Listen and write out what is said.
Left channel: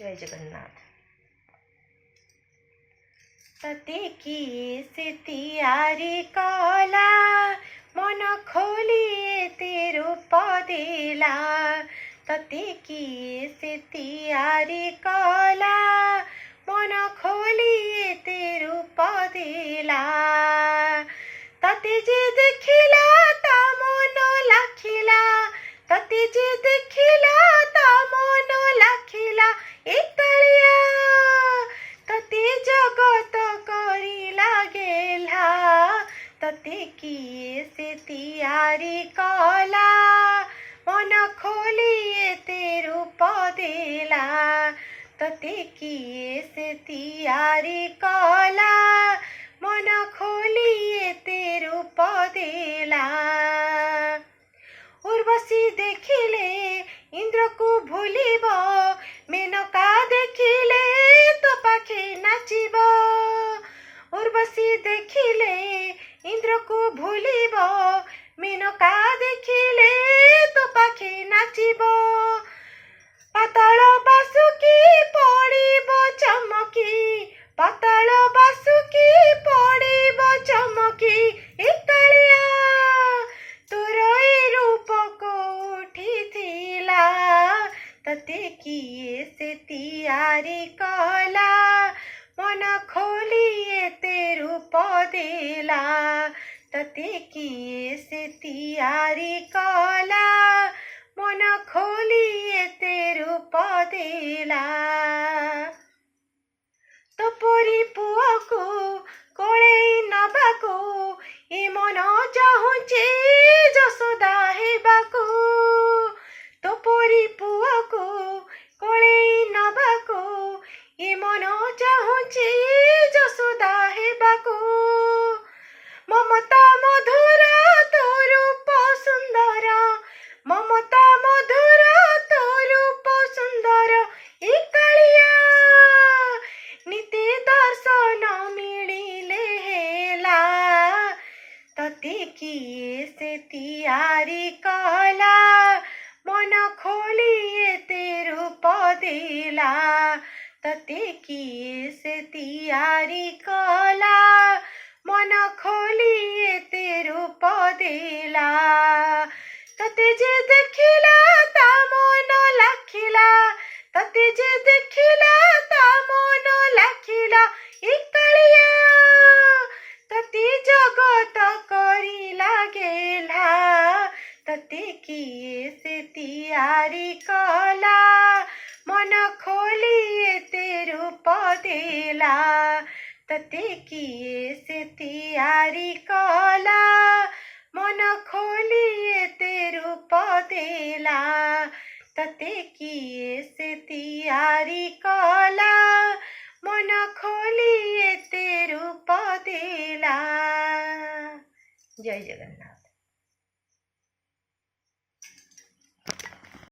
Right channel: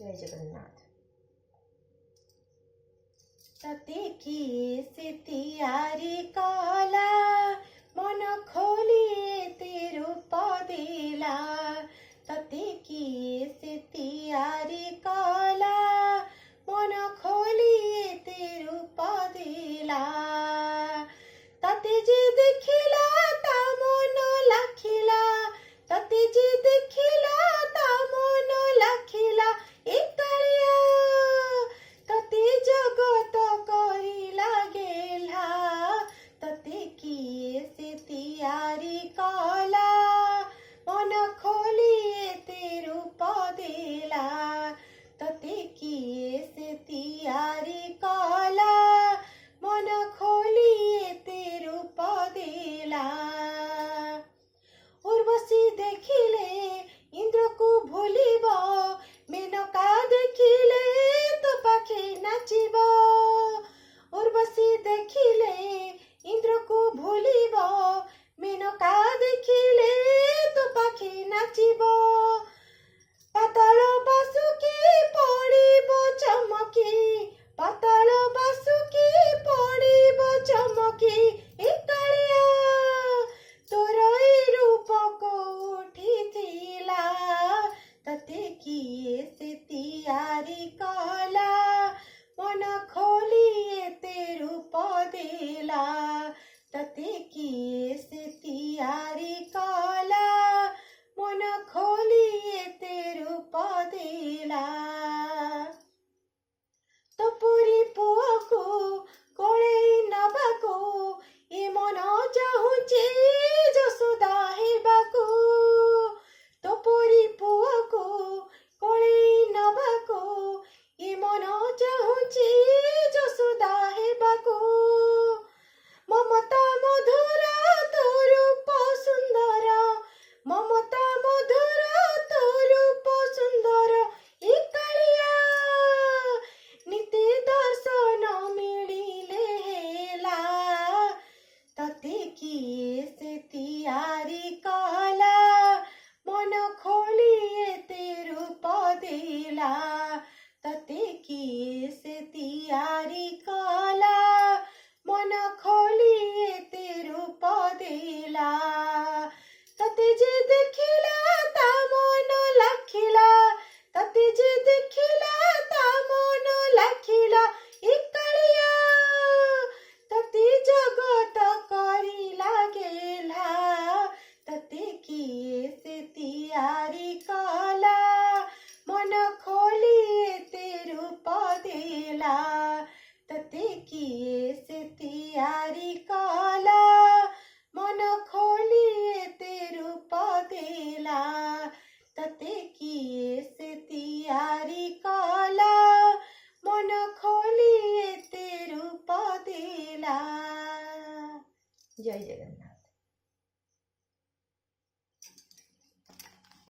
जय जगन्नाथ। तते किए से तियारी कला मन खोलिए तेरू पदेला। तते किए से तियारी कला मन खोलिए तेरू पदेला। तते जे देखिला ता मन लाखिला। तते जे देखिला ता मन लाखिला। एकालिया तते जगत करी लागेला। तते किए से तियारी कला मन खोलिए तेरू पदेला। तते किए से तियारी कला मन खोलिए तेरू पदेला। उर्वशी देखिले इंद्र को भूलिब। मेनका देखिले तो पाखे नाचिब। उर्वशी देखिले इंद्र को भूलिब। मेनका देखिले तो पाखे नाचिब। पाताल बासुकी पड़िब चमकी। पाताल बासुकी पड़िब चमकी। एकालिया तोर ए रूप कोठिथिला। तते किए से तियारी कला मन खोलिए तेरू पदेला। तते किए से तियारी कला मन खोलिए तेरू पदेला। तोपरी पुआ को कोले नबाको ए मन चाहुचे जसोदा हेबाको। तोपरी पुआ को कोले नबाको ए मन चाहुचे जसोदा हेबाको। ममता मधुर तो रूप सुंदर। ममता मधुर तो रूप सुंदर। एकालिया नीति दर्शन मिलिले हेला। तते किए से तियारी कला मन खोलिए तेरू पदेला। तते किए से तियारी कला मन खोलिए तेरू पदेला। तते जे देखिला ता मन लाखिला। तते जे देखिला ता मन लाखिला। एकालिया तते जगत करी लागेला। तते किए से तियारी कला मन खोलिए तेरू पदेला। तते किए से तियारी कला मन खोलिए तेरू पदेला। तते किए से तियारी कला मन खोलिए तेरू पदेला। जय जगन्नाथ।